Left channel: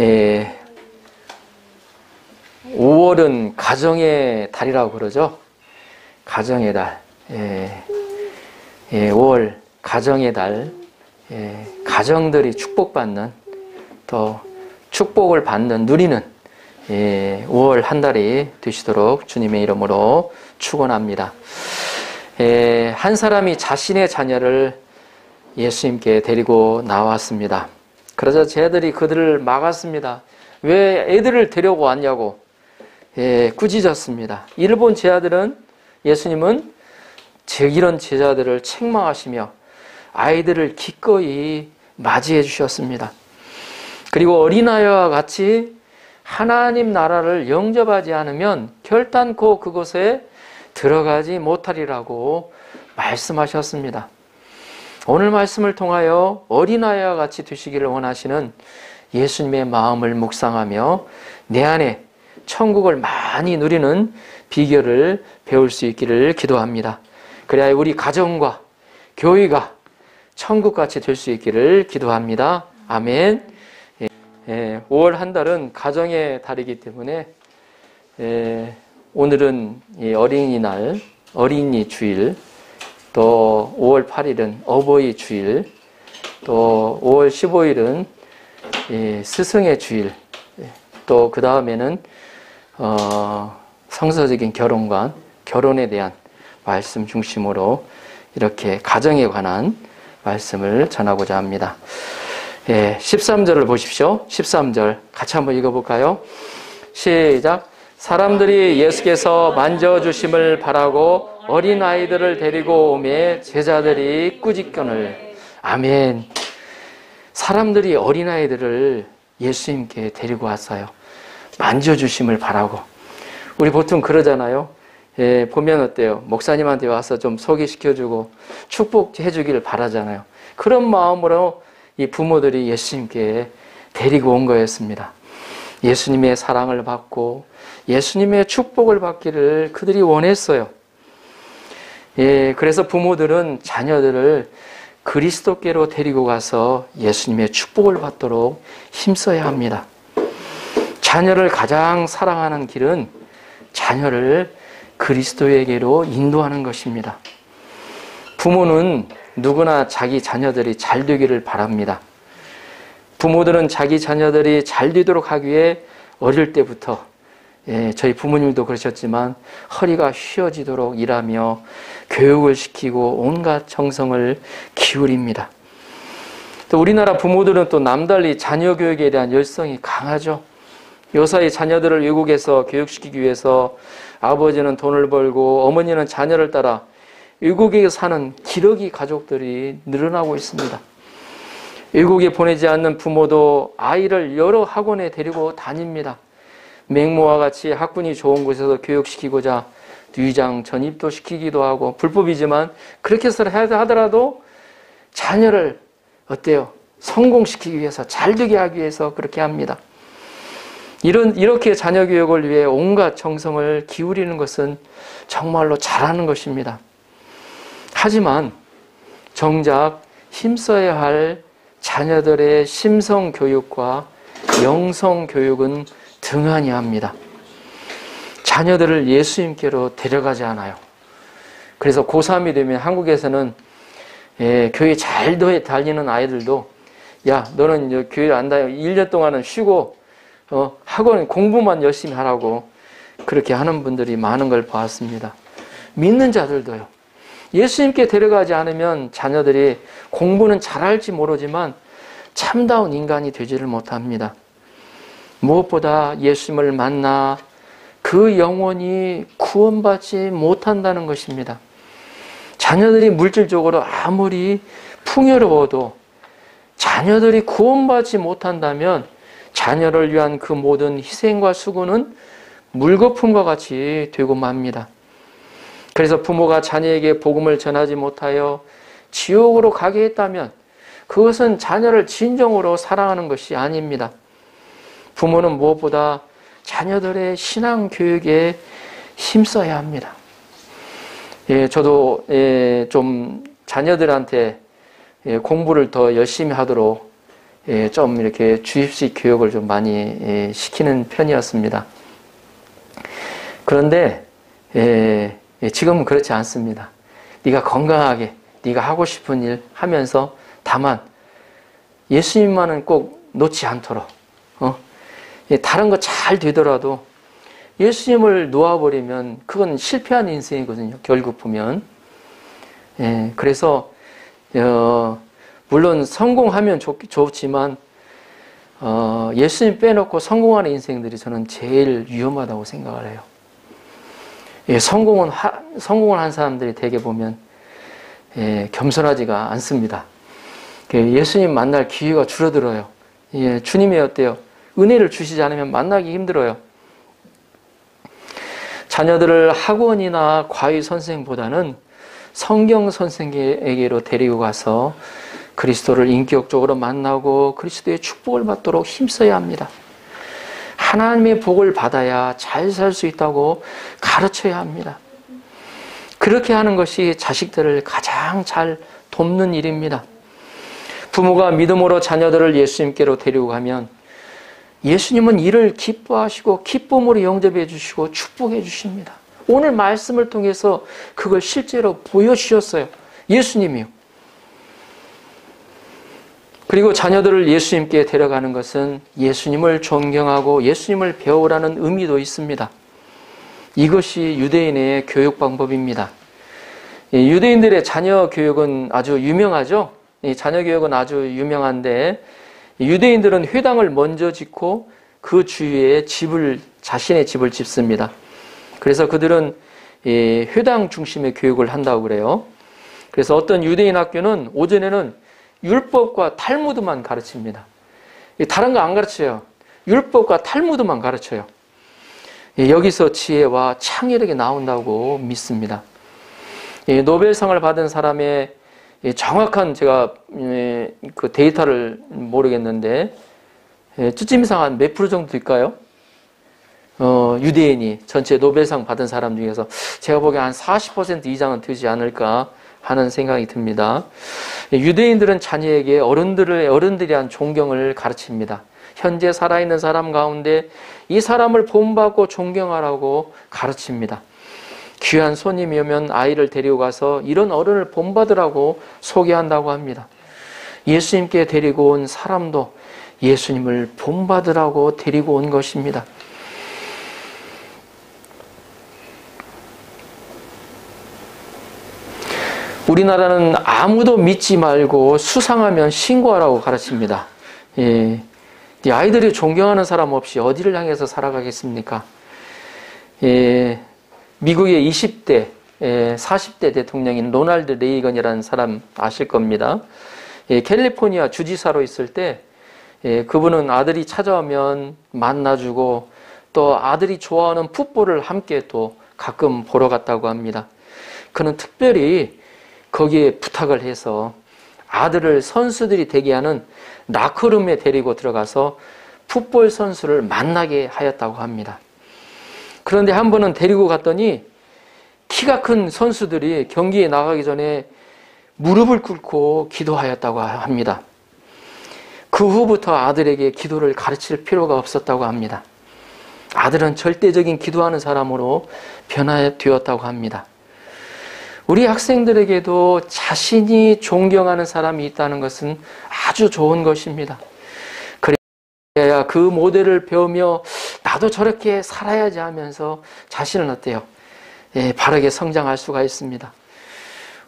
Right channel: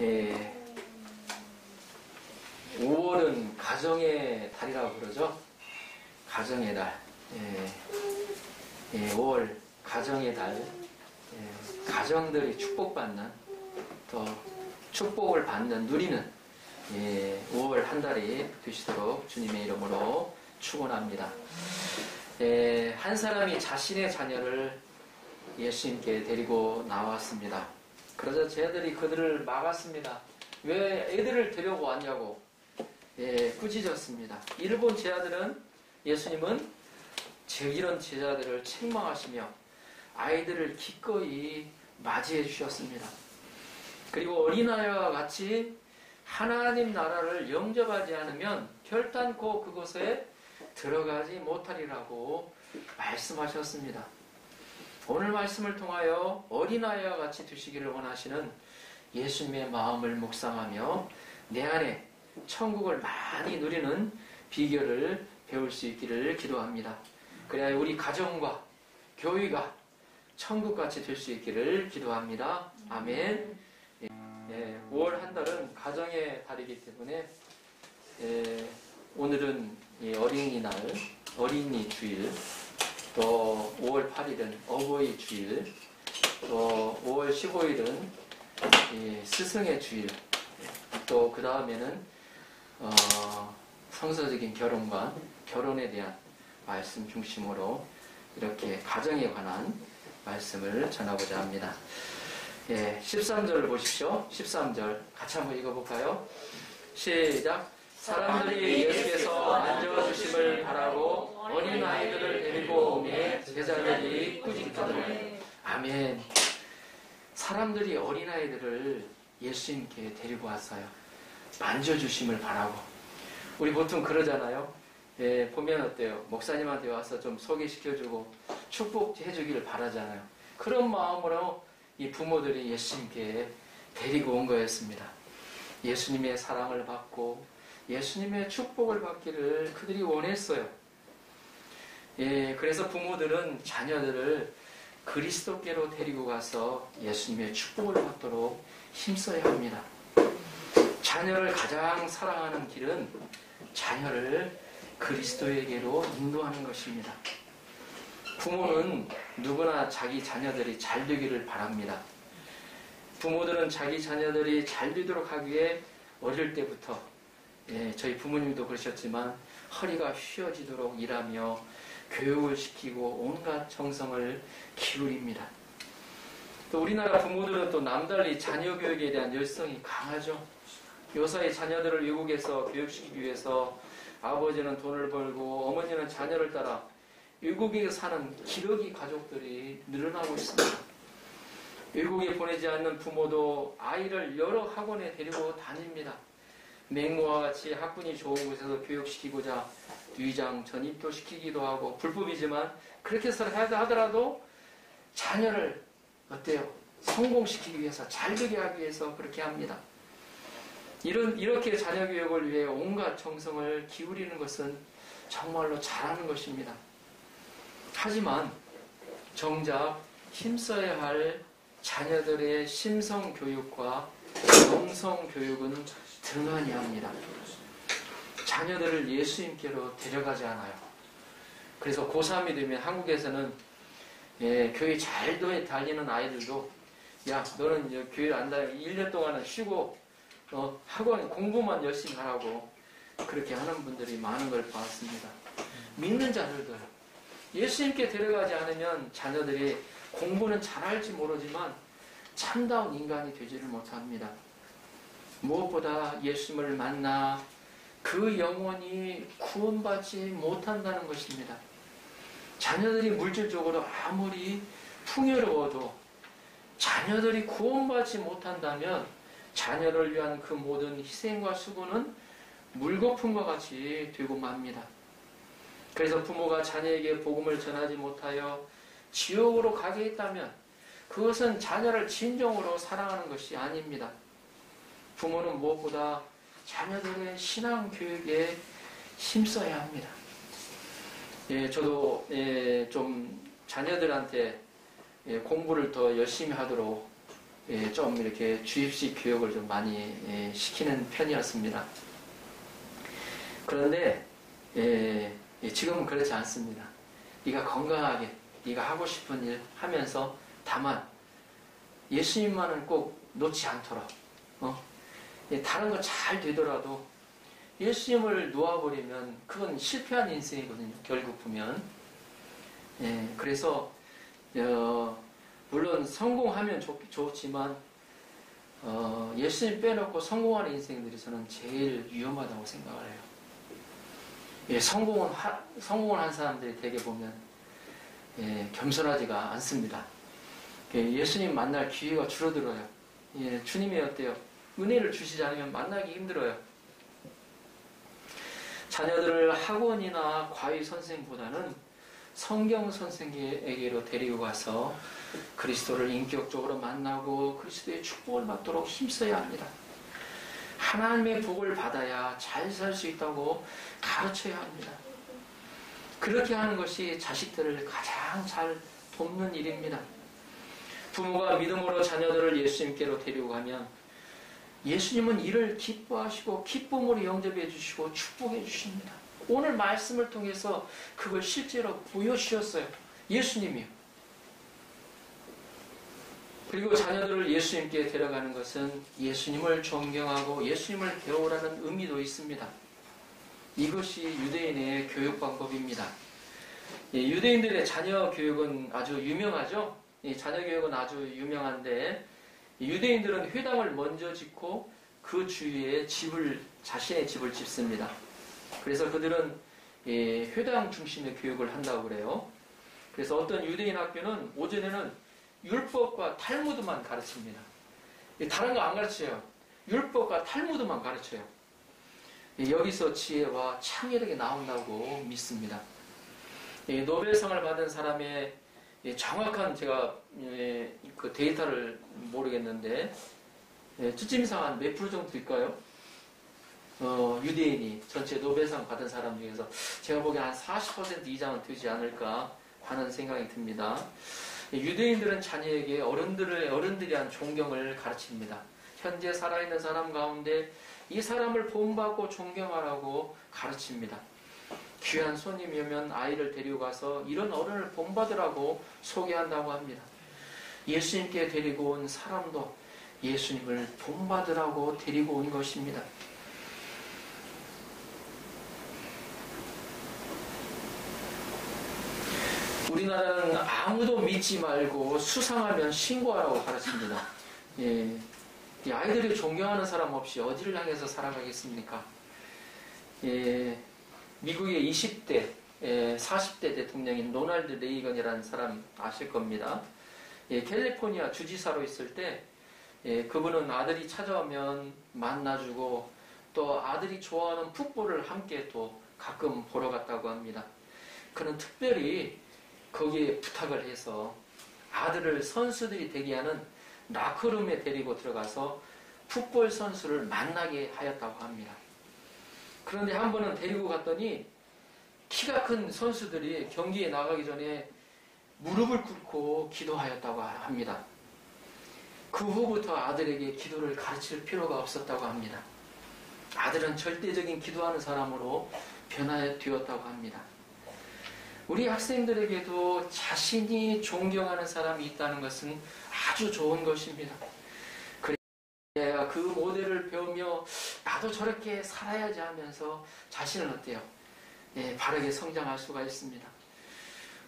예, 5월은 가정의 달이라고 그러죠. 가정의 달. 5월 가정의 달. 가정들이 축복받는, 또 축복을 받는, 누리는 5월 한 달이 되시도록 주님의 이름으로 축원합니다. 한 사람이 자신의 자녀를 예수님께 데리고 나왔습니다. 그러자 제자들이 그들을 막았습니다. 왜 애들을 데려고 왔냐고 꾸짖었습니다. 이를 본 제자들은, 예수님은 이런 제자들을 책망하시며 아이들을 기꺼이 맞이해 주셨습니다. 그리고 어린아이와 같이 하나님 나라를 영접하지 않으면 결단코 그곳에 들어가지 못하리라고 말씀하셨습니다. 오늘 말씀을 통하여 어린아이와 같이 되시기를 원하시는 예수님의 마음을 묵상하며 내 안에 천국을 많이 누리는 비결을 배울 수 있기를 기도합니다. 그래야 우리 가정과 교회가 천국같이 될 수 있기를 기도합니다. 아멘. 5월 한 달은 가정의 달이기 때문에 오늘은 어린이날, 어린이 주일, 또 5월 8일은 어버이 주일, 또 5월 15일은 스승의 주일, 또 그 다음에는 성서적인 결혼관, 결혼에 대한 말씀 중심으로 이렇게 가정에 관한 말씀을 전하고자 합니다. 13절을 보십시오. 13절 같이 한번 읽어볼까요? 시작. 사람들이 예수께서 만져주심을 바라고 어린아이들을 데리고 오매 제자들이 꾸짖거늘. 아멘. 사람들이 어린아이들을 예수님께 데리고 왔어요. 만져주심을 바라고. 우리 보통 그러잖아요. 보면 어때요? 목사님한테 와서 좀 소개시켜주고 축복해주기를 바라잖아요. 그런 마음으로 이 부모들이 예수님께 데리고 온 거였습니다. 예수님의 사랑을 받고 예수님의 축복을 받기를 그들이 원했어요. 그래서 부모들은 자녀들을 그리스도께로 데리고 가서 예수님의 축복을 받도록 힘써야 합니다. 자녀를 가장 사랑하는 길은 자녀를 그리스도에게로 인도하는 것입니다. 부모는 누구나 자기 자녀들이 잘 되기를 바랍니다. 부모들은 자기 자녀들이 잘 되도록 하기 위해 어릴 때부터 저희 부모님도 그러셨지만 허리가 휘어지도록 일하며 교육을 시키고 온갖 정성을 기울입니다. 또 우리나라 부모들은 또 남달리 자녀 교육에 대한 열성이 강하죠. 요사이 자녀들을 외국에서 교육시키기 위해서 아버지는 돈을 벌고 어머니는 자녀를 따라 외국에 사는 기러기 가족들이 늘어나고 있습니다. 외국에 보내지 않는 부모도 아이를 여러 학원에 데리고 다닙니다. 맹모와 같이 학군이 좋은 곳에서 교육시키고자 위장 전입도 시키기도 하고, 불법이지만 그렇게 해서 하더라도 자녀를 어때요? 성공시키기 위해서, 잘 되게 하기 위해서 그렇게 합니다. 이렇게 자녀 교육을 위해 온갖 정성을 기울이는 것은 정말로 잘하는 것입니다. 하지만 정작 힘써야 할 자녀들의 심성 교육과 영성 교육은 등한히 합니다. 자녀들을 예수님께로 데려가지 않아요. 그래서 고3이 되면 한국에서는 교회 잘 다니는 아이들도 야, 너는 교회 안 다녀. 1년 동안은 쉬고 학원 공부만 열심히 하라고 그렇게 하는 분들이 많은 걸 봤습니다. 믿는 자들도요. 예수님께 데려가지 않으면 자녀들이 공부는 잘할지 모르지만 참다운 인간이 되지를 못합니다. 무엇보다 예수님을 만나 그 영혼이 구원받지 못한다는 것입니다. 자녀들이 물질적으로 아무리 풍요로워도 자녀들이 구원받지 못한다면 자녀를 위한 그 모든 희생과 수고는 물거품과 같이 되고 맙니다. 그래서 부모가 자녀에게 복음을 전하지 못하여 지옥으로 가게 했다면 그것은 자녀를 진정으로 사랑하는 것이 아닙니다. 부모는 무엇보다 자녀들의 신앙 교육에 힘써야 합니다. 저도 좀 자녀들한테 공부를 더 열심히 하도록 좀 이렇게 주입식 교육을 좀 많이 시키는 편이었습니다. 그런데 지금은 그렇지 않습니다. 네가 건강하게 네가 하고 싶은 일 하면서 다만 예수님만은 꼭 놓지 않도록 다른 거 잘 되더라도 예수님을 놓아버리면 그건 실패한 인생이거든요. 결국 보면. 그래서 물론 성공하면 좋지만 예수님 빼놓고 성공하는 인생들이 저는 제일 위험하다고 생각을 해요. 성공을 한 사람들이 대개 보면 겸손하지가 않습니다. 예수님 만날 기회가 줄어들어요. 주님이 어때요? 은혜를 주시지 않으면 만나기 힘들어요. 자녀들을 학원이나 과외 선생보다는 성경 선생에게로 데리고 가서 그리스도를 인격적으로 만나고 그리스도의 축복을 받도록 힘써야 합니다. 하나님의 복을 받아야 잘 살 수 있다고 가르쳐야 합니다. 그렇게 하는 것이 자식들을 가장 잘 돕는 일입니다. 부모가 믿음으로 자녀들을 예수님께로 데리고 가면 예수님은 이를 기뻐하시고 기쁨으로 영접해 주시고 축복해 주십니다. 오늘 말씀을 통해서 그걸 실제로 보여주셨어요. 예수님이요. 그리고 자녀들을 예수님께 데려가는 것은 예수님을 존경하고 예수님을 배우라는 의미도 있습니다. 이것이 유대인의 교육 방법입니다. 유대인들의 자녀 교육은 아주 유명하죠. 자녀 교육은 아주 유명한데 유대인들은 회당을 먼저 짓고 그 주위에 자신의 집을 짓습니다. 그래서 그들은 회당 중심의 교육을 한다고 그래요. 그래서 어떤 유대인 학교는 오전에는 율법과 탈무드만 가르칩니다. 다른 거 안 가르쳐요. 율법과 탈무드만 가르쳐요. 여기서 지혜와 창의력이 나온다고 믿습니다. 노벨상을 받은 사람의 정확한 제가 그 데이터를 모르겠는데 쯔짐상 한 몇 프로 정도 될까요? 유대인이 전체 노벨상 받은 사람 중에서 제가 보기엔 한 40% 이상은 되지 않을까 하는 생각이 듭니다. 유대인들은 자녀에게 어른들에 대한 존경을 가르칩니다. 현재 살아있는 사람 가운데 이 사람을 본받고 존경하라고 가르칩니다. 귀한 손님이 오면 아이를 데리고 가서 이런 어른을 본받으라고 소개한다고 합니다. 예수님께 데리고 온 사람도 예수님을 본받으라고 데리고 온 것입니다. 우리나라는 아무도 믿지 말고 수상하면 신고하라고 가르칩니다. 아이들이 존경하는 사람 없이 어디를 향해서 살아가겠습니까? 미국의 20대, 40대 대통령인 로널드 레이건이라는 사람 아실 겁니다. 캘리포니아 주지사로 있을 때 그분은 아들이 찾아오면 만나주고 또 아들이 좋아하는 풋볼을 함께 또 가끔 보러 갔다고 합니다. 그는 특별히 거기에 부탁을 해서 아들을 선수들이 대기하는 라커룸에 데리고 들어가서 풋볼 선수를 만나게 하였다고 합니다. 그런데 한 번은 데리고 갔더니 키가 큰 선수들이 경기에 나가기 전에 무릎을 꿇고 기도하였다고 합니다. 그 후부터 아들에게 기도를 가르칠 필요가 없었다고 합니다. 아들은 절대적인 기도하는 사람으로 변화되었다고 합니다. 우리 학생들에게도 자신이 존경하는 사람이 있다는 것은 아주 좋은 것입니다. 그래야 그 모델을 배우며 나도 저렇게 살아야지 하면서 자신은 어때요? 바르게 성장할 수가 있습니다.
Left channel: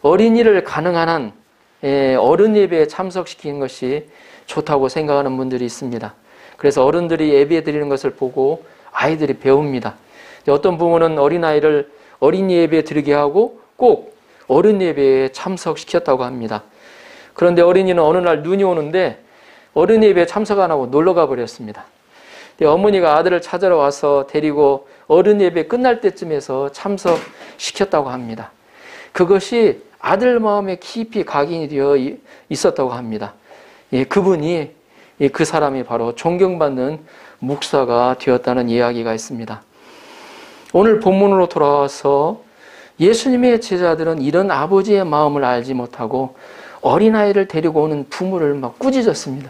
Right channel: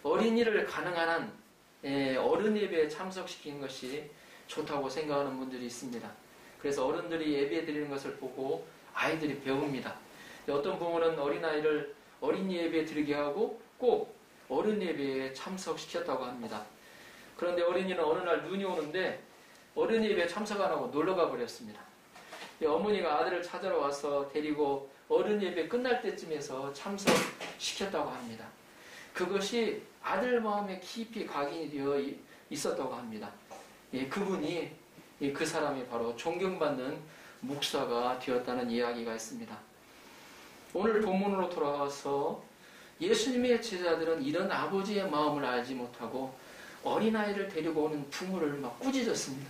어린이를 가능한 한 어른 예배에 참석시키는 것이 좋다고 생각하는 분들이 있습니다. 그래서 어른들이 예배 드리는 것을 보고 아이들이 배웁니다. 어떤 부모는 어린아이를 어린이 예배에 드리게 하고 꼭 어른 예배에 참석시켰다고 합니다. 그런데 어린이는 어느 날 눈이 오는데 어른 예배에 참석 안 하고 놀러 가버렸습니다. 어머니가 아들을 찾으러 와서 데리고 어른 예배 끝날 때쯤에서 참석시켰다고 합니다. 그것이 아들 마음에 깊이 각인이 되어 있었다고 합니다. 그분이 그 사람이 바로 존경받는 목사가 되었다는 이야기가 있습니다. 오늘 본문으로 돌아와서 예수님의 제자들은 이런 아버지의 마음을 알지 못하고 어린아이를 데리고 오는 부모를 막 꾸짖었습니다.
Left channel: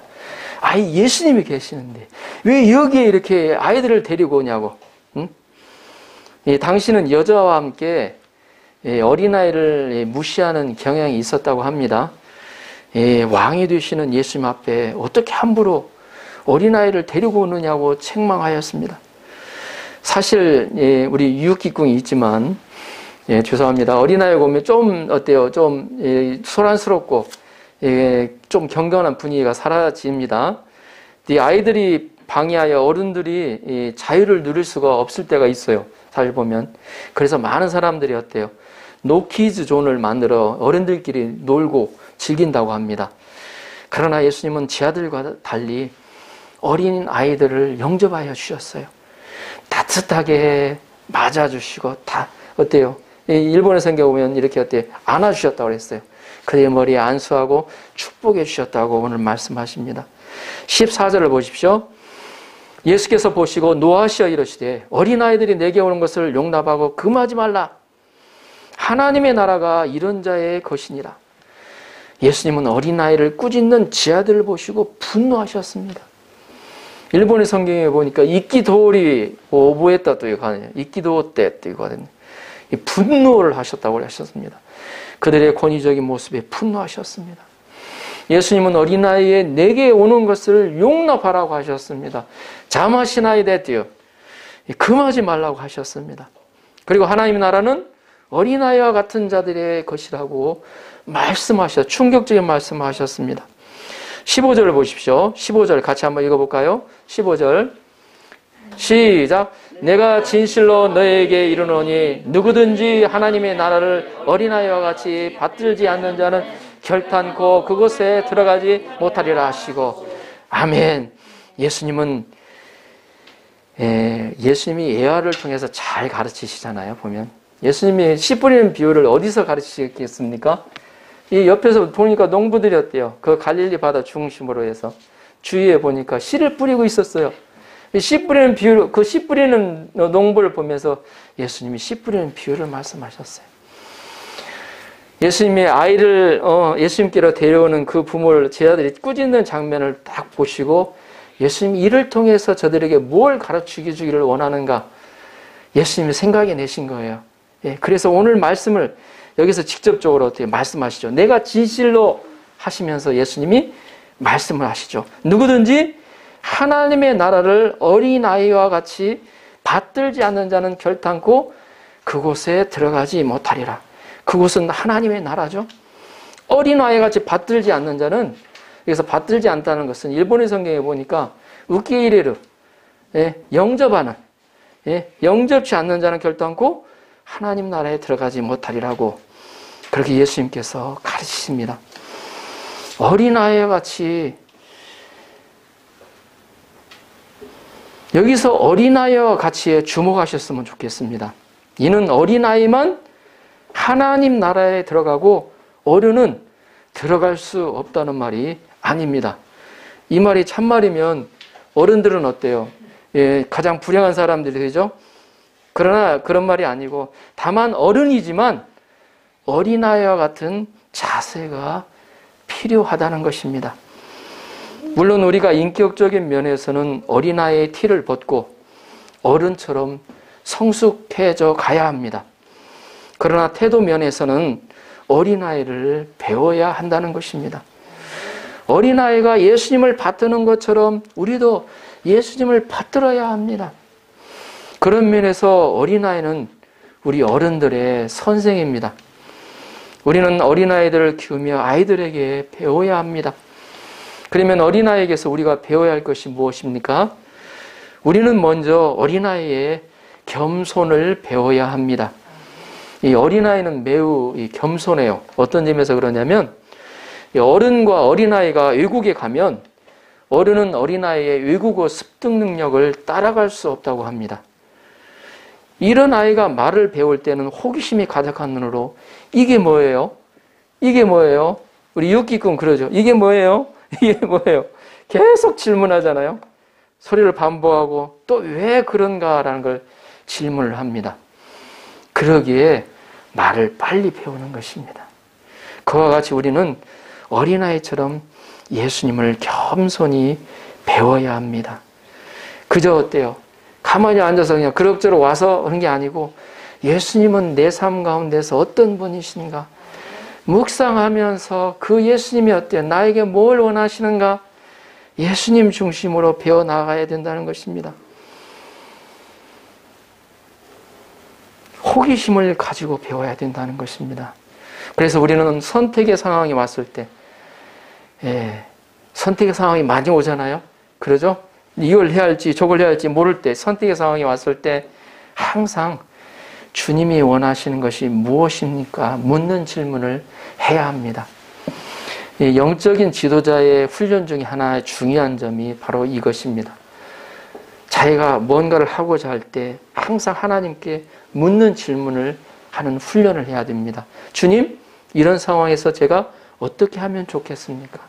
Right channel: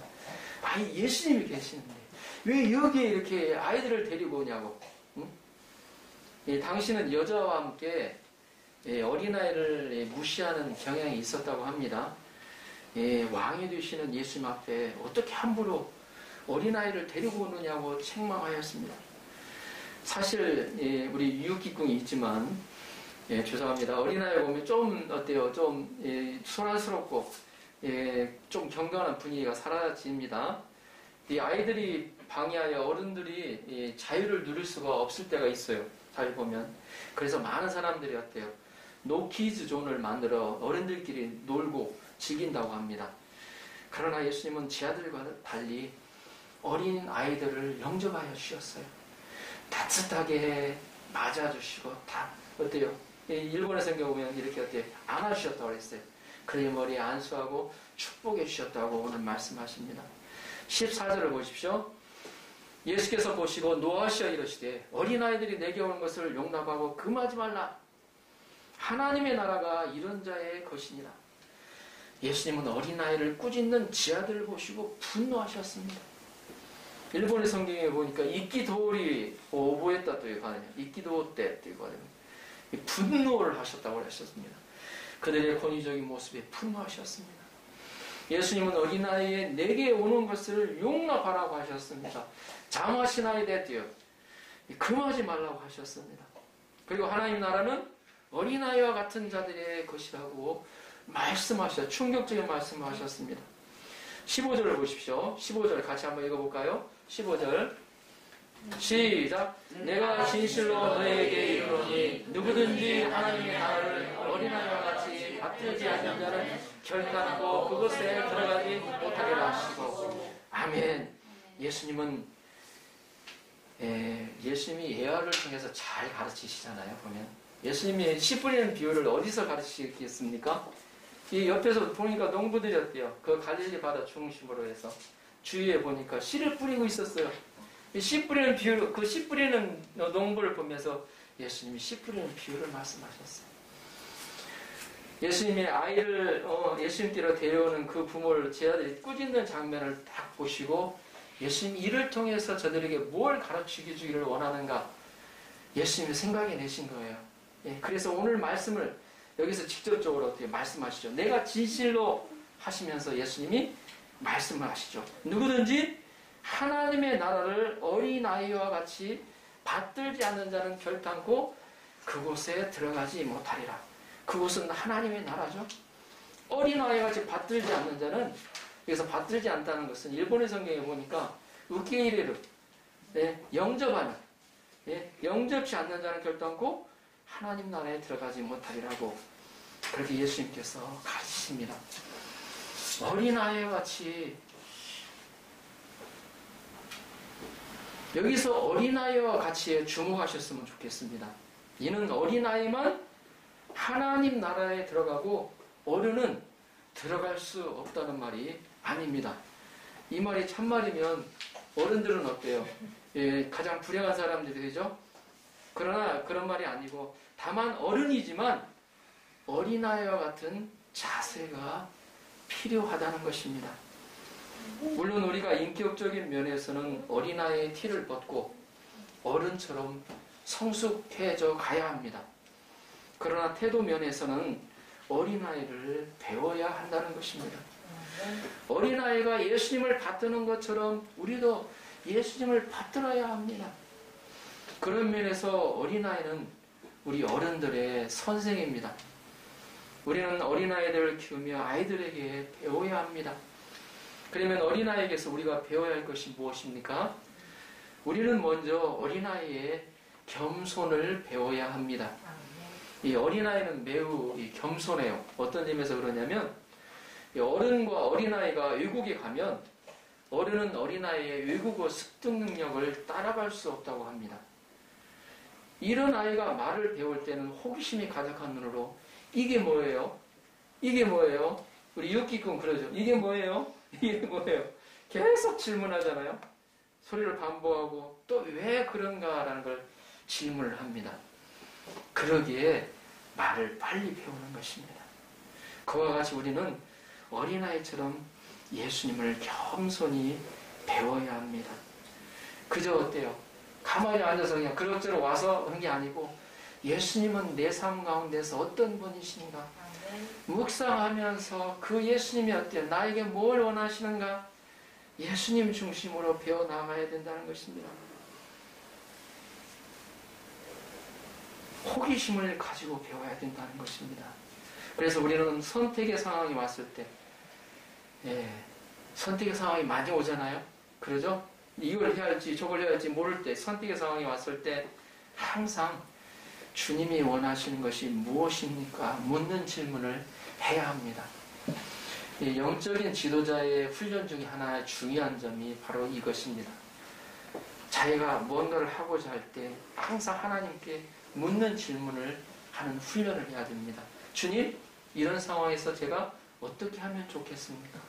아이 예수님이 계시는데 왜 여기에 이렇게 아이들을 데리고 오냐고. 응? 당신은 여자와 함께 어린아이를 무시하는 경향이 있었다고 합니다. 왕이 되시는 예수님 앞에 어떻게 함부로 어린아이를 데리고 오느냐고 책망하였습니다. 사실 우리 유혹기궁이 있지만 죄송합니다. 어린아이 보면 좀 어때요? 좀 소란스럽고 좀 경건한 분위기가 사라집니다. 이 아이들이 방해하여 어른들이 자유를 누릴 수가 없을 때가 있어요. 잘 보면. 그래서 많은 사람들이 어때요? 노키즈 존을 만들어 어른들끼리 놀고 즐긴다고 합니다. 그러나 예수님은 지 아들과 달리 어린 아이들을 영접하여 주셨어요. 따뜻하게 맞아주시고 다 어때요? 일본의 성경 보면 이렇게 어때요? 안아주셨다고 그랬어요. 그의 머리에 안수하고 축복해 주셨다고 오늘 말씀하십니다. 14절을 보십시오. 예수께서 보시고 노하시어 이르시되 어린아이들이 내게 오는 것을 용납하고 금하지 말라. 하나님의 나라가 이런 자의 것이니라. 예수님은 어린아이를 꾸짖는 지 아들을 보시고 분노하셨습니다. 일본의 성경에 보니까 이끼도리 오보했다 또 이거 하네요. 이끼도 때 또 이거 하네요. 분노를 하셨다고 하셨습니다. 그들의 권위적인 모습에 분노하셨습니다. 예수님은 어린아이의 내게 오는 것을 용납하라고 하셨습니다. 자마시나이 됐대요. 금하지 말라고 하셨습니다. 그리고 하나님의 나라는 어린아이와 같은 자들의 것이라고 말씀하셨, 충격적인 말씀을 하셨습니다. 15절을 보십시오. 15절 같이 한번 읽어볼까요? 15절 시작. 내가 진실로 너에게 이르노니 누구든지 하나님의 나라를 어린아이와 같이 받들지 않는 자는 결탄코 그곳에 들어가지 못하리라 하시고. 아멘. 예수님이 예화를 통해서 잘 가르치시잖아요. 보면 예수님이 씨 뿌리는 비유를 어디서 가르치셨겠습니까? 이 옆에서 보니까 농부들이 어때요? 그 갈릴리 바다 중심으로 해서 주위에 보니까 씨를 뿌리고 있었어요. 씨 뿌리는 비유, 그 씨 뿌리는 농부를 보면서 예수님이 씨 뿌리는 비유를 말씀하셨어요. 예수님이 아이를 예수님께로 데려오는 그 부모를 제자들이 꾸짖는 장면을 딱 보시고 예수님이 이를 통해서 저들에게 뭘 가르치게 주기를 원하는가 예수님이 생각해 내신 거예요. 그래서 오늘 말씀을 여기서 직접적으로 어떻게 말씀하시죠. 내가 진실로 하시면서 예수님이 말씀을 하시죠. 누구든지 하나님의 나라를 어린아이와 같이 받들지 않는 자는 결탄코 그곳에 들어가지 못하리라. 그곳은 하나님의 나라죠. 어린아이 같이 받들지 않는 자는, 여기서 받들지 않다는 것은 일본의 성경에 보니까 우키이레르, 영접하는, 영접치 않는 자는 결단코 하나님 나라에 들어가지 못하리라고 그렇게 예수님께서 가르치십니다. 어린아이와 같이, 여기서 어린아이와 같이에 주목하셨으면 좋겠습니다. 이는 어린아이만 하나님 나라에 들어가고 어른은 들어갈 수 없다는 말이 아닙니다. 이 말이 참말이면 어른들은 어때요? 가장 불행한 사람들이 되죠? 그러나 그런 말이 아니고 다만 어른이지만 어린아이와 같은 자세가 필요하다는 것입니다. 물론 우리가 인격적인 면에서는 어린아이의 티를 벗고 어른처럼 성숙해져 가야 합니다. 그러나 태도 면에서는 어린아이를 배워야 한다는 것입니다. 어린아이가 예수님을 받드는 것처럼 우리도 예수님을 받들어야 합니다. 그런 면에서 어린아이는 우리 어른들의 선생입니다. 우리는 어린아이들을 키우며 아이들에게 배워야 합니다. 그러면 어린아이에게서 우리가 배워야 할 것이 무엇입니까? 우리는 먼저 어린아이의 겸손을 배워야 합니다. 이 어린아이는 매우 겸손해요. 어떤 점에서 그러냐면 어른과 어린아이가 외국에 가면 어른은 어린아이의 외국어 습득 능력을 따라갈 수 없다고 합니다. 이런 아이가 말을 배울 때는 호기심이 가득한 눈으로 이게 뭐예요? 이게 뭐예요? 우리 유키군 그러죠. 이게 뭐예요? 이게 뭐예요? 계속 질문하잖아요. 소리를 반복하고 또 왜 그런가라는 걸 질문을 합니다. 그러기에 말을 빨리 배우는 것입니다. 그와 같이 우리는 어린아이처럼 예수님을 겸손히 배워야 합니다. 그저 어때요? 가만히 앉아서 그냥 그럭저럭 와서 하는 게 아니고 예수님은 내 삶 가운데서 어떤 분이신가? 묵상하면서 그 예수님이 어때요? 나에게 뭘 원하시는가? 예수님 중심으로 배워나가야 된다는 것입니다. 호기심을 가지고 배워야 된다는 것입니다. 그래서 우리는 선택의 상황이 왔을 때, 선택의 상황이 많이 오잖아요. 그러죠? 이걸 해야 할지 저걸 해야 할지 모를 때, 선택의 상황이 왔을 때 항상 주님이 원하시는 것이 무엇입니까? 묻는 질문을 해야 합니다. 영적인 지도자의 훈련 중에 하나의 중요한 점이 바로 이것입니다. 자기가 뭔가를 하고자 할 때 항상 하나님께 묻는 질문을 하는 훈련을 해야 됩니다. 주님, 이런 상황에서 제가 어떻게 하면 좋겠습니까?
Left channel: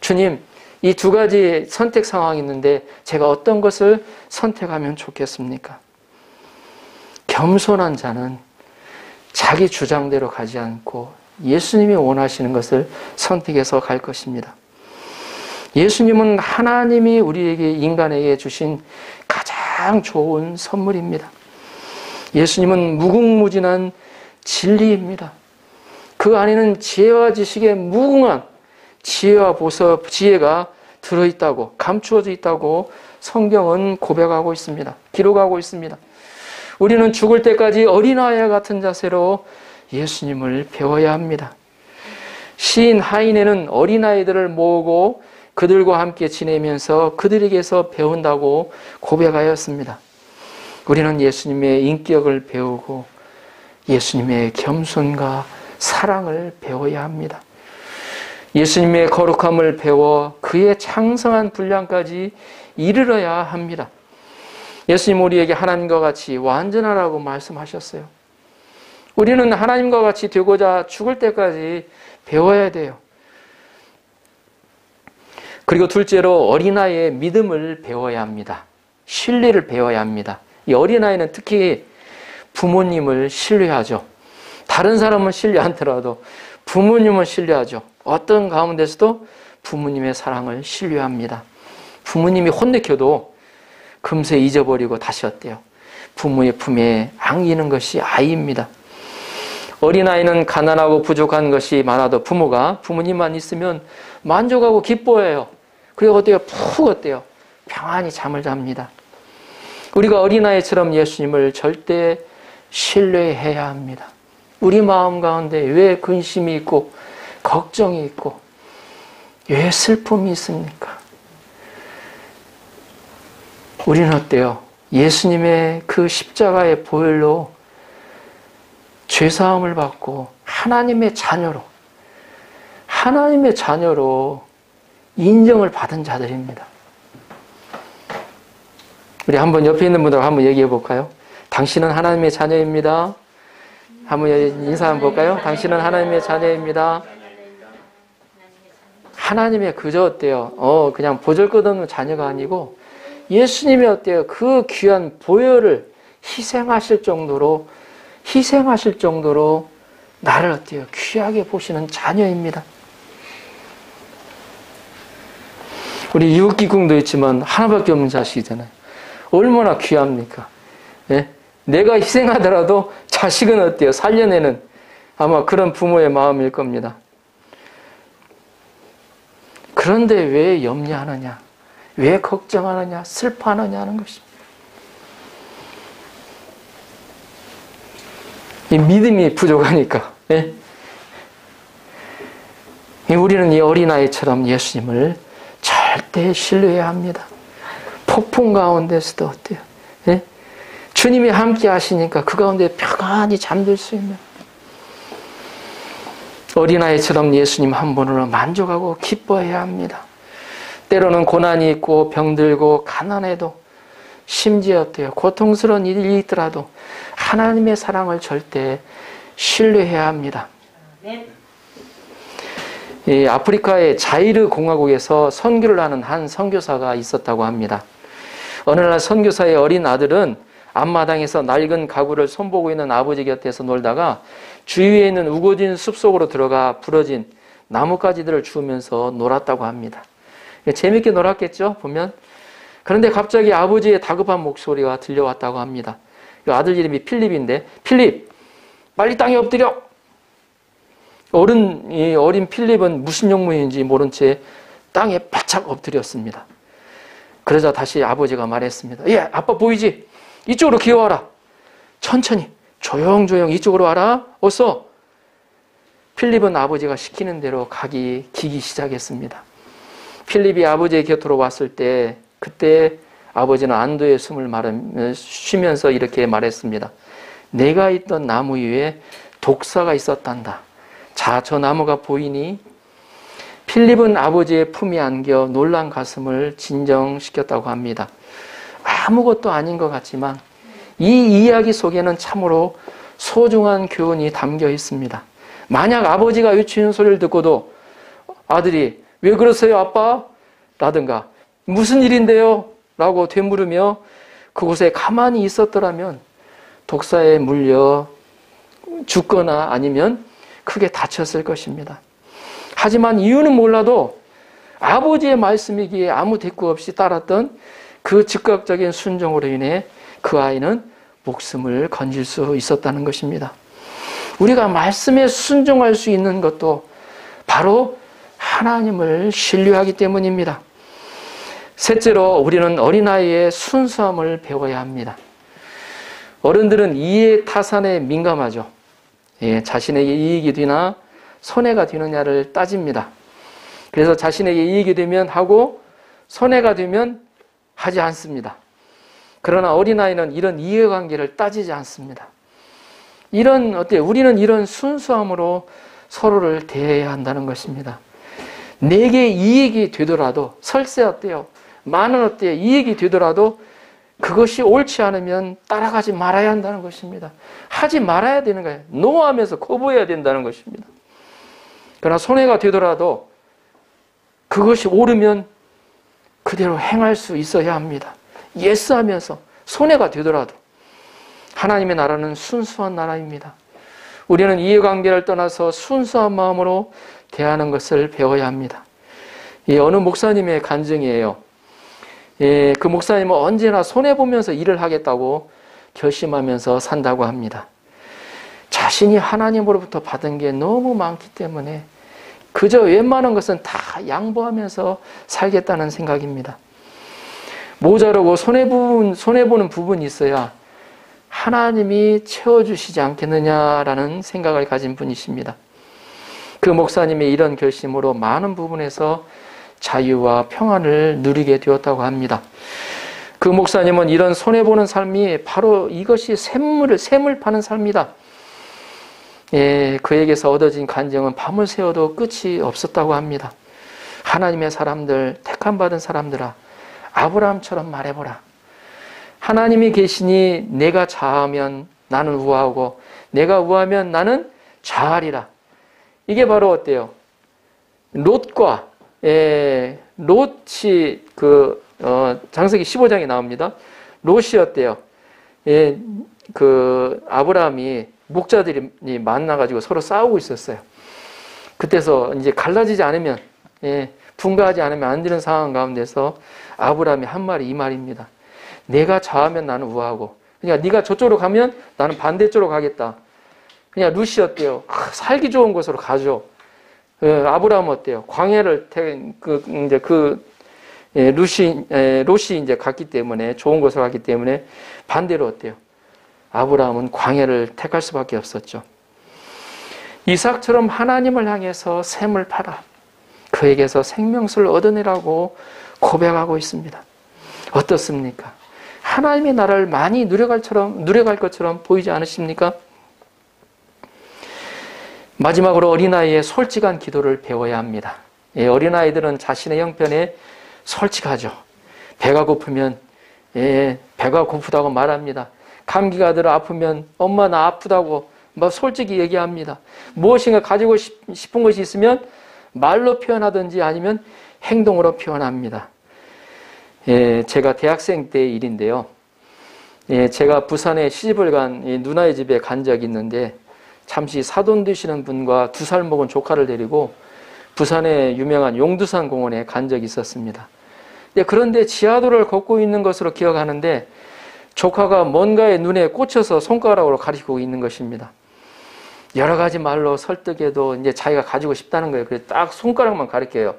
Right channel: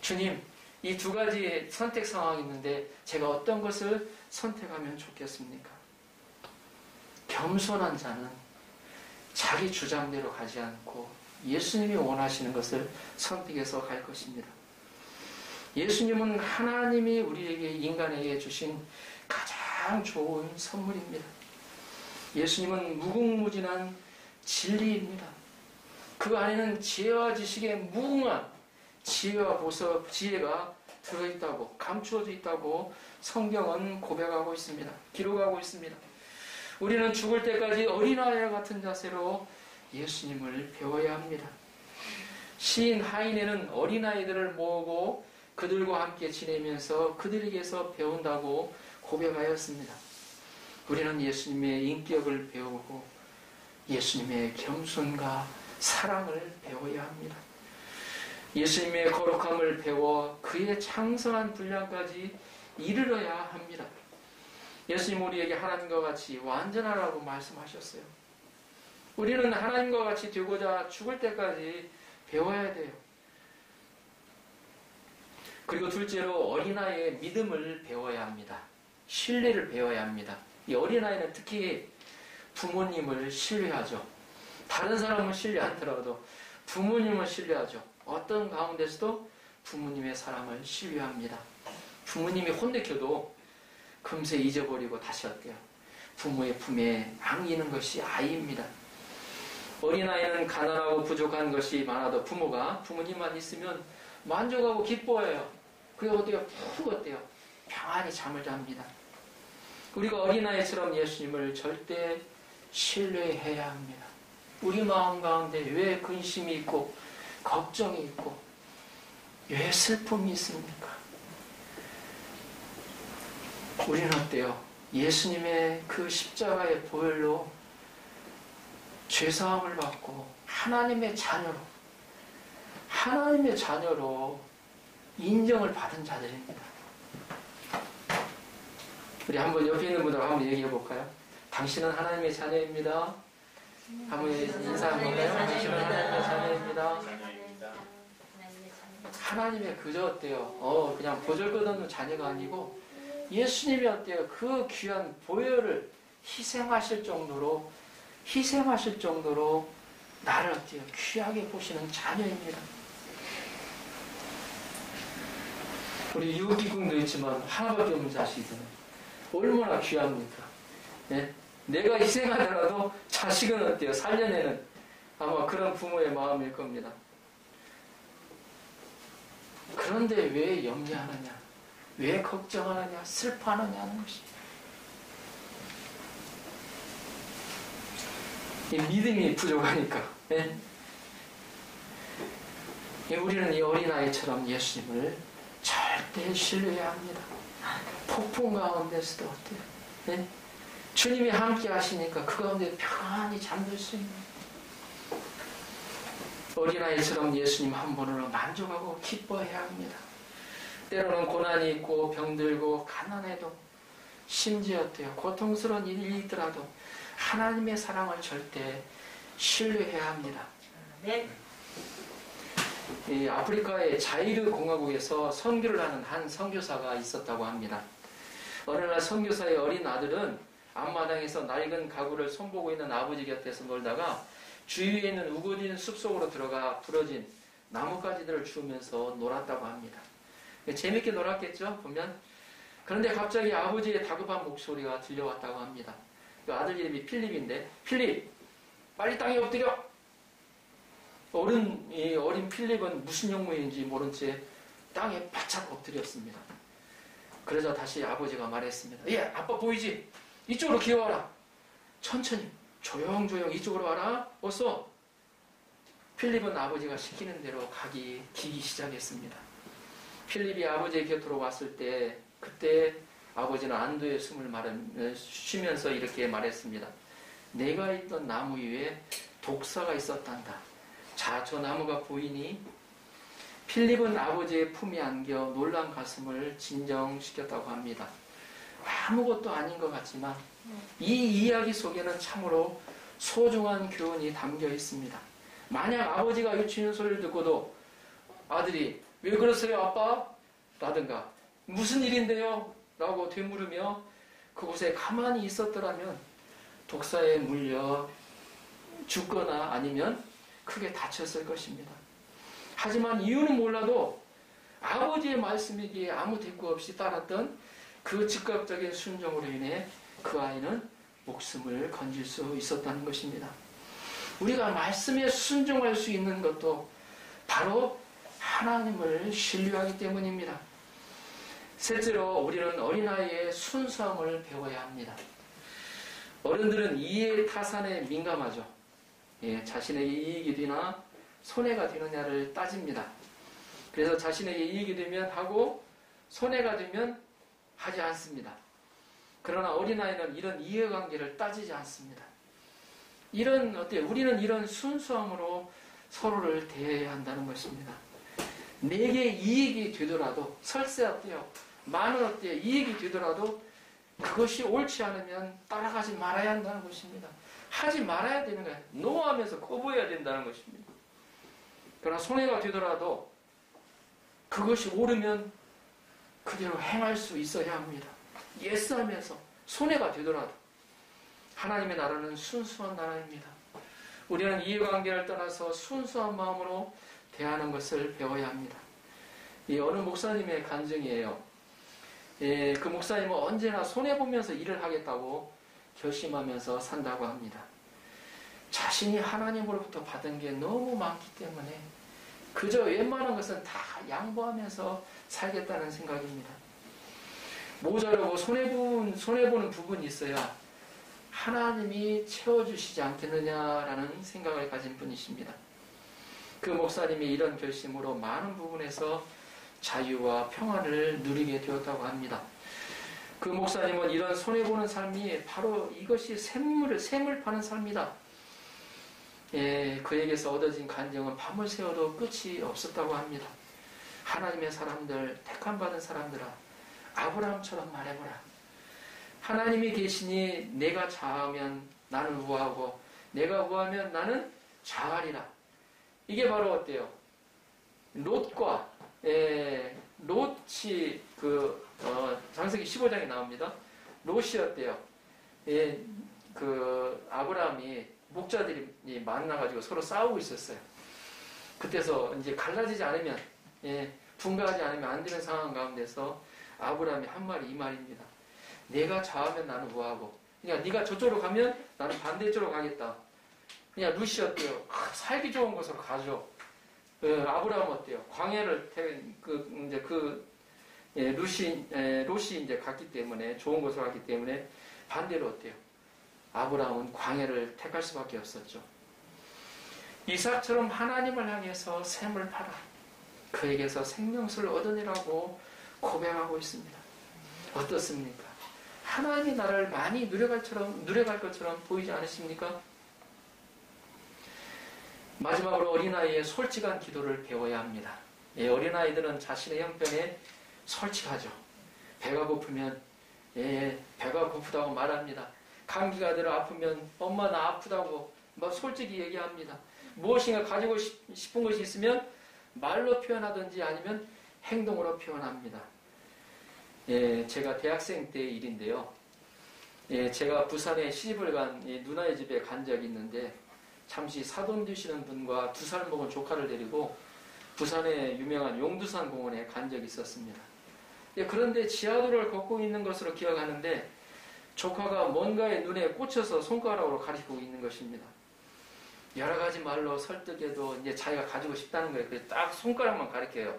주님, 이 두 가지 선택 상황이 있는데 제가 어떤 것을 선택하면 좋겠습니까? 겸손한 자는 자기 주장대로 가지 않고 예수님이 원하시는 것을 선택해서 갈 것입니다. 예수님은 하나님이 우리에게, 인간에게 주신 가장 좋은 선물입니다. 예수님은 무궁무진한 진리입니다. 그 안에는 지혜와 지식의 무궁한 지혜와 지혜가 들어있다고, 감추어져 있다고 성경은 고백하고 있습니다. 기록하고 있습니다. 우리는 죽을 때까지 어린아이와 같은 자세로 예수님을 배워야 합니다. 시인 하인에는 어린아이들을 모으고 그들과 함께 지내면서 그들에게서 배운다고 고백하였습니다. 우리는 예수님의 인격을 배우고 예수님의 겸손과 사랑을 배워야 합니다. 예수님의 거룩함을 배워 그의 창성한 분량까지 이르러야 합니다. 예수님 우리에게 하나님과 같이 완전하라고 말씀하셨어요. 우리는 하나님과 같이 되고자 죽을 때까지 배워야 돼요. 그리고 둘째로 어린아이의 믿음을 배워야 합니다. 신뢰를 배워야 합니다. 이 어린아이는 특히 부모님을 신뢰하죠. 다른 사람은 신뢰 않더라도 부모님은 신뢰하죠. 어떤 가운데서도 부모님의 사랑을 신뢰합니다. 부모님이 혼내켜도 금세 잊어버리고 다시 어때요? 부모의 품에 안기는 것이 아이입니다. 어린아이는 가난하고 부족한 것이 많아도 부모님만 있으면 만족하고 기뻐해요. 그리고 어때요? 푹 어때요? 평안히 잠을 잡니다. 우리가 어린아이처럼 예수님을 절대 신뢰해야 합니다. 우리 마음 가운데 왜 근심이 있고 걱정이 있고 왜 슬픔이 있습니까? 우리는 어때요? 예수님의 그 십자가의 보혈로 죄사함을 받고 하나님의 자녀로 인정을 받은 자들입니다. 우리 한번 옆에 있는 분들하고 한번 얘기해 볼까요? 당신은 하나님의 자녀입니다. 한번 인사 한번 볼까요? 당신은 하나님의 자녀입니다. 하나님의 그저 어때요? 그냥 보잘것없는 자녀가 아니고 예수님이 어때요? 그 귀한 보혈을 희생하실 정도로 나를 어때요? 귀하게 보시는 자녀입니다. 우리 이웃기궁도 있지만 하나밖에 없는 자식이잖아요. 얼마나 귀합니까? 예? 내가 희생하더라도 자식은 어때요? 살려내는 아마 그런 부모의 마음일 겁니다. 그런데 왜 염려하느냐? 왜 걱정하느냐? 슬퍼하느냐 하는 것입니다. 이 믿음이 부족하니까. 예? 우리는 이 어린아이처럼 예수님을 절대 신뢰해야 합니다. 폭풍 가운데서도 어때요? 예? 주님이 함께 하시니까 그 가운데 평안히 잠들 수 있는 어린아이처럼 예수님 한 분으로 만족하고 기뻐해야 합니다. 때로는 고난이 있고 병들고 가난해도 심지어 어때요? 고통스러운 일이 있더라도 하나님의 사랑을 절대 신뢰해야 합니다. 이 아프리카의 자이르 공화국에서 선교를 하는 한 선교사가 있었다고 합니다. 어느 날 선교사의 어린 아들은 앞마당에서 낡은 가구를 손보고 있는 아버지 곁에서 놀다가 주위에 있는 우거진 숲속으로 들어가 부러진 나뭇가지들을 주우면서 놀았다고 합니다. 재밌게 놀았겠죠, 보면. 그런데 갑자기 아버지의 다급한 목소리가 들려왔다고 합니다. 아들 이름이 필립인데, 필립, 빨리 땅에 엎드려! 어린 필립은 무슨 용무인지 모른 채 땅에 바짝 엎드렸습니다. 그러자 다시 아버지가 말했습니다. 예, 아빠 보이지? 이쪽으로 기어와라. 천천히, 조용조용 이쪽으로 와라. 어서. 필립은 아버지가 시키는 대로 기기 시작했습니다. 필립이 아버지의 곁으로 왔을 때, 그때 아버지는 안도의 숨을 쉬면서 이렇게 말했습니다. 내가 있던 나무 위에 독사가 있었단다. 자, 저 나무가 보이니? 필립은 아버지의 품에 안겨 놀란 가슴을 진정시켰다고 합니다. 아무것도 아닌 것 같지만 이 이야기 속에는 참으로 소중한 교훈이 담겨 있습니다. 만약 아버지가 외치는 소리를 듣고도 아들이 왜 그러세요 아빠? 라든가 무슨 일인데요? 라고 되물으며 그곳에 가만히 있었더라면 독사에 물려 죽거나 아니면 크게 다쳤을 것입니다. 하지만 이유는 몰라도 아버지의 말씀이기에 아무 대꾸 없이 따랐던 그 즉각적인 순종으로 인해 그 아이는 목숨을 건질 수 있었다는 것입니다. 우리가 말씀에 순종할 수 있는 것도 바로 하나님을 신뢰하기 때문입니다. 셋째로 우리는 어린아이의 순수함을 배워야 합니다. 어른들은 이해 타산에 민감하죠. 자신에게 이익이 되나 손해가 되느냐를 따집니다. 그래서 자신에게 이익이 되면 하고 손해가 되면 하지 않습니다. 그러나 어린아이는 이런 이해관계를 따지지 않습니다. 우리는 이런 순수함으로 서로를 대해야 한다는 것입니다. 내게 이익이 되더라도, 설세 어때요? 만원 어때요? 이익이 되더라도 그것이 옳지 않으면 따라가지 말아야 한다는 것입니다. 하지 말아야 되는 거예요. 노하면서 거부해야 된다는 것입니다. 그러나 손해가 되더라도 그것이 옳으면 그대로 행할 수 있어야 합니다. 예스하면서 손해가 되더라도. 하나님의 나라는 순수한 나라입니다. 우리는 이해관계를 떠나서 순수한 마음으로 대하는 것을 배워야 합니다. 어느 목사님의 간증이에요. 그 목사님은 언제나 손해보면서 일을 하겠다고 결심하면서 산다고 합니다. 자신이 하나님으로부터 받은 게 너무 많기 때문에 그저 웬만한 것은 다 양보하면서 살겠다는 생각입니다. 모자르고 손해보는 부분이 있어야 하나님이 채워주시지 않겠느냐라는 생각을 가진 분이십니다. 그 목사님의 이런 결심으로 많은 부분에서 자유와 평안을 누리게 되었다고 합니다. 그 목사님은 이런 손해보는 삶이 바로 이것이 샘을 파는 삶이다. 그에게서 얻어진 간증은 밤을 새워도 끝이 없었다고 합니다. 하나님의 사람들, 택함받은 사람들아, 아브라함처럼 말해보라. 하나님이 계시니 내가 좌하면 나는 우하고 내가 우하면 나는 좌하리라. 이게 바로 어때요? 롯과 롯이 창세기 15장에 나옵니다. 롯이 어때요? 아브라함이 목자들이 만나가지고 서로 싸우고 있었어요. 그때서 이제 갈라지지 않으면, 분가하지 않으면 안 되는 상황 가운데서 아브라함이 한 말이 이 말입니다. 내가 좌하면 나는 우하고, 그러니까 네가 저쪽으로 가면 나는 반대쪽으로 가겠다. 그냥 룻이 어때요? 살기 좋은 곳으로 가죠. 아브라함 어때요? 광야를 롯이 이제 갔기 때문에 좋은 곳으로 갔기 때문에 반대로 어때요? 아브라함은 광야를 택할 수밖에 없었죠. 이삭처럼 하나님을 향해서 샘을 팔아 그에게서 생명수를 얻어내라고 고백하고 있습니다. 어떻습니까? 하나님의 나라를 많이 누려갈 것처럼 보이지 않으십니까? 마지막으로 어린아이의 솔직한 기도를 배워야 합니다. 어린아이들은 자신의 형편에 솔직하죠. 배가 고프면 배가 고프다고 말합니다. 감기가 들어 아프면 엄마 나 아프다고 솔직히 얘기합니다. 무엇인가 가지고 싶은 것이 있으면 말로 표현하든지 아니면 행동으로 표현합니다. 제가 대학생 때의 일인데요. 제가 부산에 시집을 간 누나의 집에 간 적이 있는데 잠시 사돈 되시는 분과 2살 먹은 조카를 데리고 부산의 유명한 용두산 공원에 간 적이 있었습니다. 그런데 지하도를 걷고 있는 것으로 기억하는데 조카가 뭔가에 눈에 꽂혀서 손가락으로 가리키고 있는 것입니다. 여러 가지 말로 설득해도 이제 자기가 가지고 싶다는 거예요. 그래서 딱 손가락만 가리켜요.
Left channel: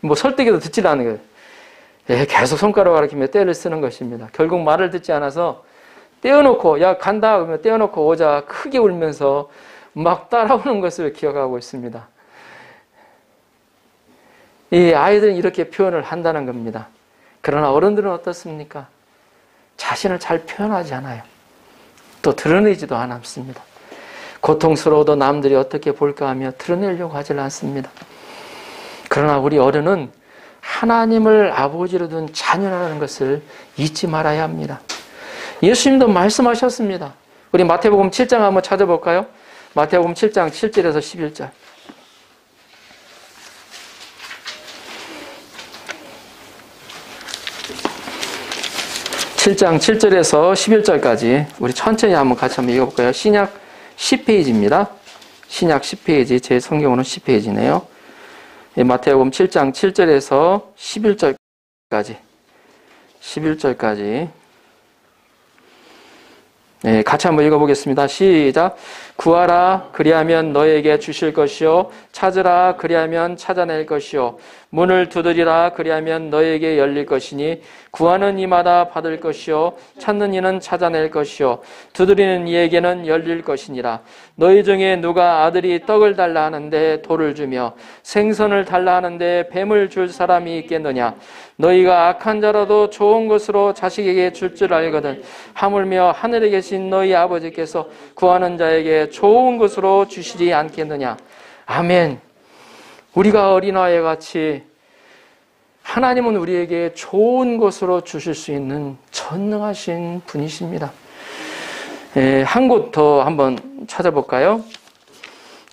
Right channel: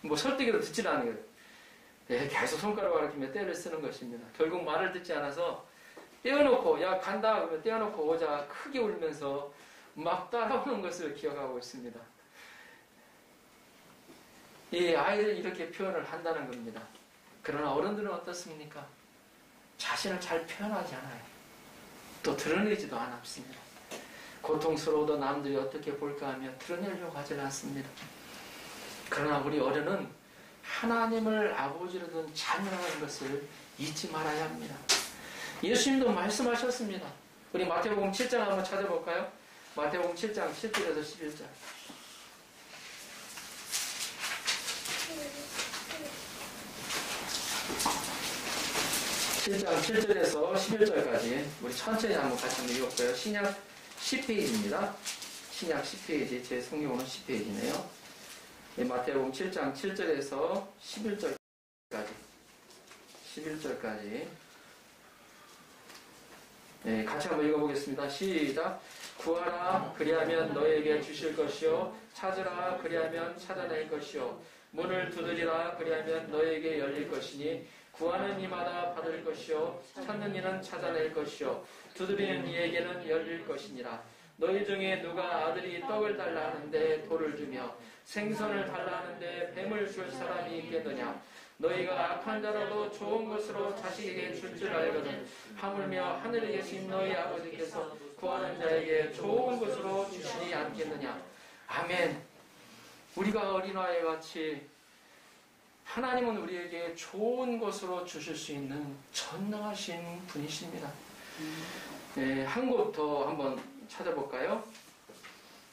뭐 설득해도 듣지도 않는 거예요. 계속 손가락 가리키며 떼를 쓰는 것입니다. 결국 말을 듣지 않아서 떼어놓고 야 간다 그러면 떼어놓고 오자 크게 울면서 막 따라오는 것을 기억하고 있습니다. 이 아이들은 이렇게 표현을 한다는 겁니다. 그러나 어른들은 어떻습니까? 자신을 잘 표현하지 않아요. 또 드러내지도 않습니다. 고통스러워도 남들이 어떻게 볼까 하며 드러내려고 하질 않습니다. 그러나 우리 어른은 하나님을 아버지로 둔 자녀라는 것을 잊지 말아야 합니다. 예수님도 말씀하셨습니다. 우리 마태복음 7장 한번 찾아볼까요? 마태복음 7장 7절에서 11절. 7장 7절에서 11절까지 우리 천천히 한번 같이 한번 읽어볼까요? 신약 10페이지입니다. 신약 10페이지, 제 성경으로는 10페이지네요. 마태복음 7장 7절에서 11절까지 11절까지 같이 한번 읽어보겠습니다. 시작. 구하라 그리하면 너에게 주실 것이요 찾으라 그리하면 찾아낼 것이요 문을 두드리라 그리하면 너에게 열릴 것이니 구하는 이마다 받을 것이요 찾는 이는 찾아낼 것이요 두드리는 이에게는 열릴 것이니라. 너희 중에 누가 아들이 떡을 달라 하는데 돌을 주며 생선을 달라 하는데 뱀을 줄 사람이 있겠느냐. 너희가 악한 자라도 좋은 것으로 자식에게 줄 줄 알거든 하물며 하늘에 계신 너희 아버지께서 구하는 자에게 좋은 것으로 주시지 않겠느냐. 아멘. 우리가 어린아이와 같이 하나님은 우리에게 좋은 것으로 주실 수 있는 전능하신 분이십니다. 한 곳 더 한번 찾아볼까요?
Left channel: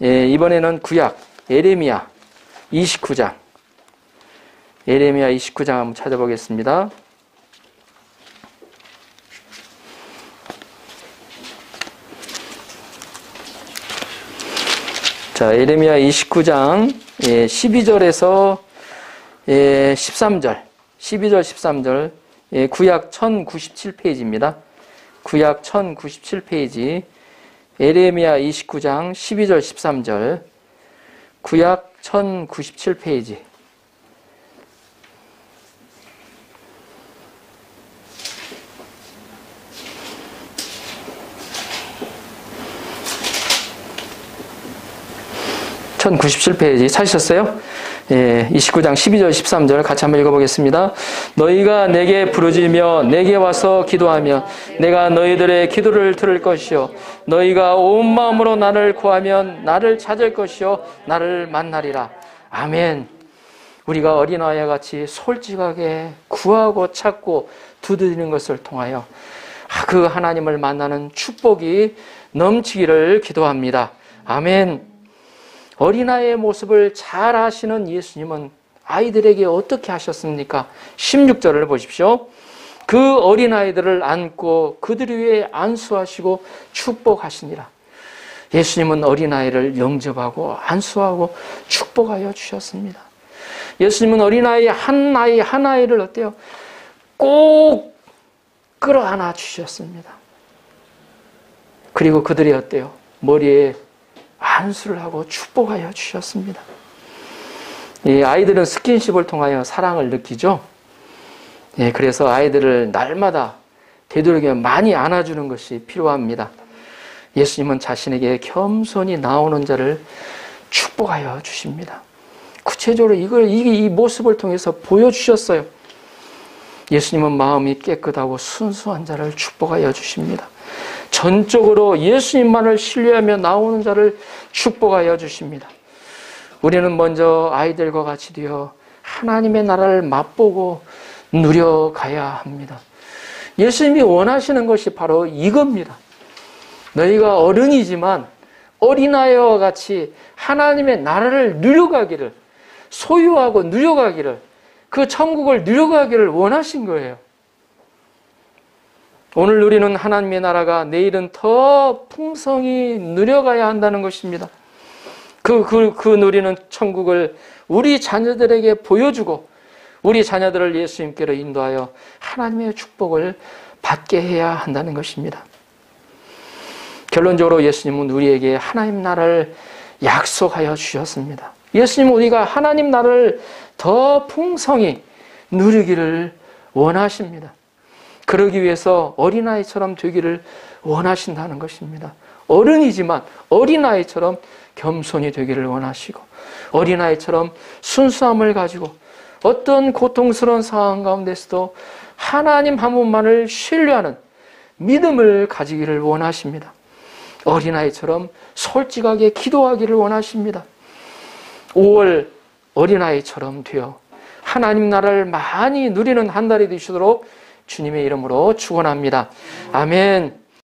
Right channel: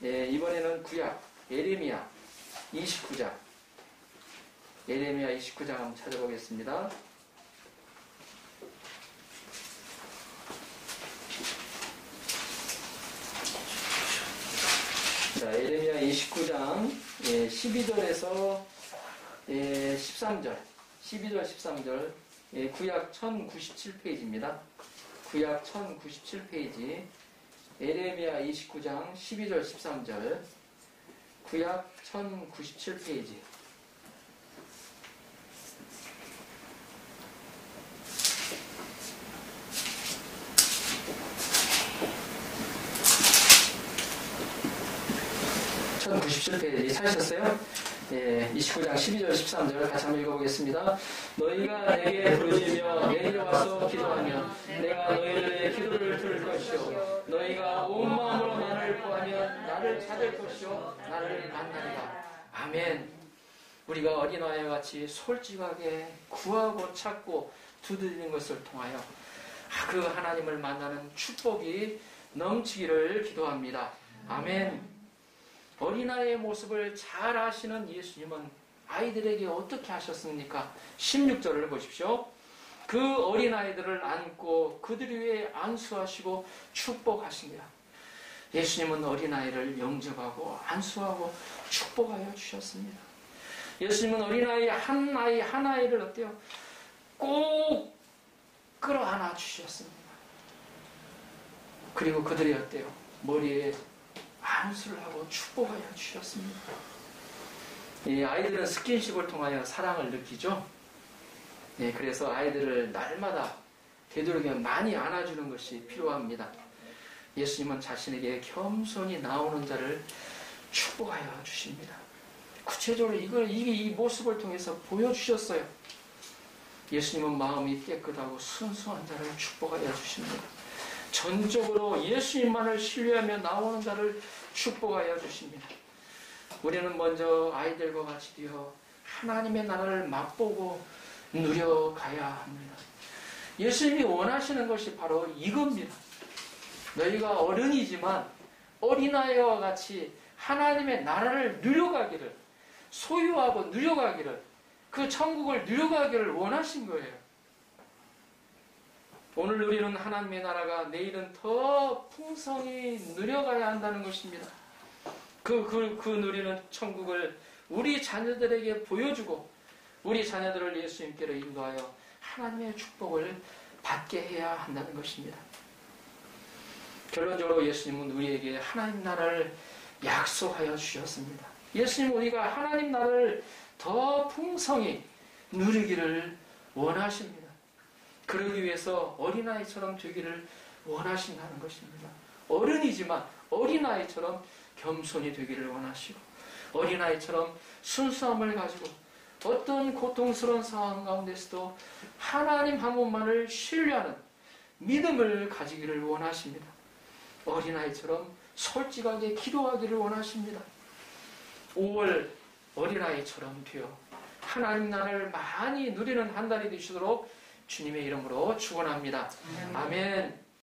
이번에는 구약 예레미야 29장 예레미야 29장 한번 찾아보겠습니다. 자, 예레미야 29장 12절에서 13절 12절 13절 구약 1097페이지입니다. 구약 1097페이지 예레미야 29장 12절 13절 구약 1097페이지 (1097페이지) 찾으셨어요? 29장 12절 13절 같이 한번 읽어보겠습니다. 너희가 내게 부르짖으며 내게 와서 기도하면 내가 너희들의 기도를 들을 것이요 너희가 온 마음으로 나를 구하면 나를 찾을 것이요 나를 만나리라. 아멘. 우리가 어린아이와 같이 솔직하게 구하고 찾고 두드리는 것을 통하여 그 하나님을 만나는 축복이 넘치기를 기도합니다. 아멘. 어린아이의 모습을 잘 아시는 예수님은 아이들에게 어떻게 하셨습니까? 16절을 보십시오. 그 어린아이들을 안고 그들 위에 안수하시고 축복하시니라. 예수님은 어린아이를 영접하고 안수하고 축복하여 주셨습니다. 예수님은 어린아이 하나를 어때요? 꼭 끌어안아 주셨습니다. 그리고 그들이 어때요? 머리에 안수를 하고 축복하여 주셨습니다. 이 아이들은 스킨십을 통하여 사랑을 느끼죠. 그래서 아이들을 날마다 되도록이면 많이 안아주는 것이 필요합니다. 예수님은 자신에게 겸손히 나오는 자를 축복하여 주십니다. 구체적으로 이 모습을 통해서 보여주셨어요. 예수님은 마음이 깨끗하고 순수한 자를 축복하여 주십니다. 전적으로 예수님만을 신뢰하며 나오는 자를 축복하여 주십니다. 우리는 먼저 아이들과 같이 되어 하나님의 나라를 맛보고 누려가야 합니다. 예수님이 원하시는 것이 바로 이겁니다. 너희가 어른이지만 어린아이와 같이 하나님의 나라를 누려가기를, 소유하고 누려가기를, 그 천국을 누려가기를 원하신 거예요. 오늘 누리는 하나님의 나라가 내일은 더 풍성히 누려가야 한다는 것입니다. 그 누리는 천국을 우리 자녀들에게 보여주고 우리 자녀들을 예수님께로 인도하여 하나님의 축복을 받게 해야 한다는 것입니다. 결론적으로 예수님은 우리에게 하나님 나라를 약속하여 주셨습니다. 예수님은 우리가 하나님 나라를 더 풍성히 누리기를 원하십니다. 그러기 위해서 어린아이처럼 되기를 원하신다는 것입니다. 어른이지만 어린아이처럼 겸손히 되기를 원하시고 어린아이처럼 순수함을 가지고 어떤 고통스러운 상황 가운데서도 하나님 한 분만을 신뢰하는 믿음을 가지기를 원하십니다. 어린아이처럼 솔직하게 기도하기를 원하십니다. 5월 어린아이처럼 되어 하나님 나라를 많이 누리는 한 달이 되시도록 주님의 이름으로 축원합니다. 아멘.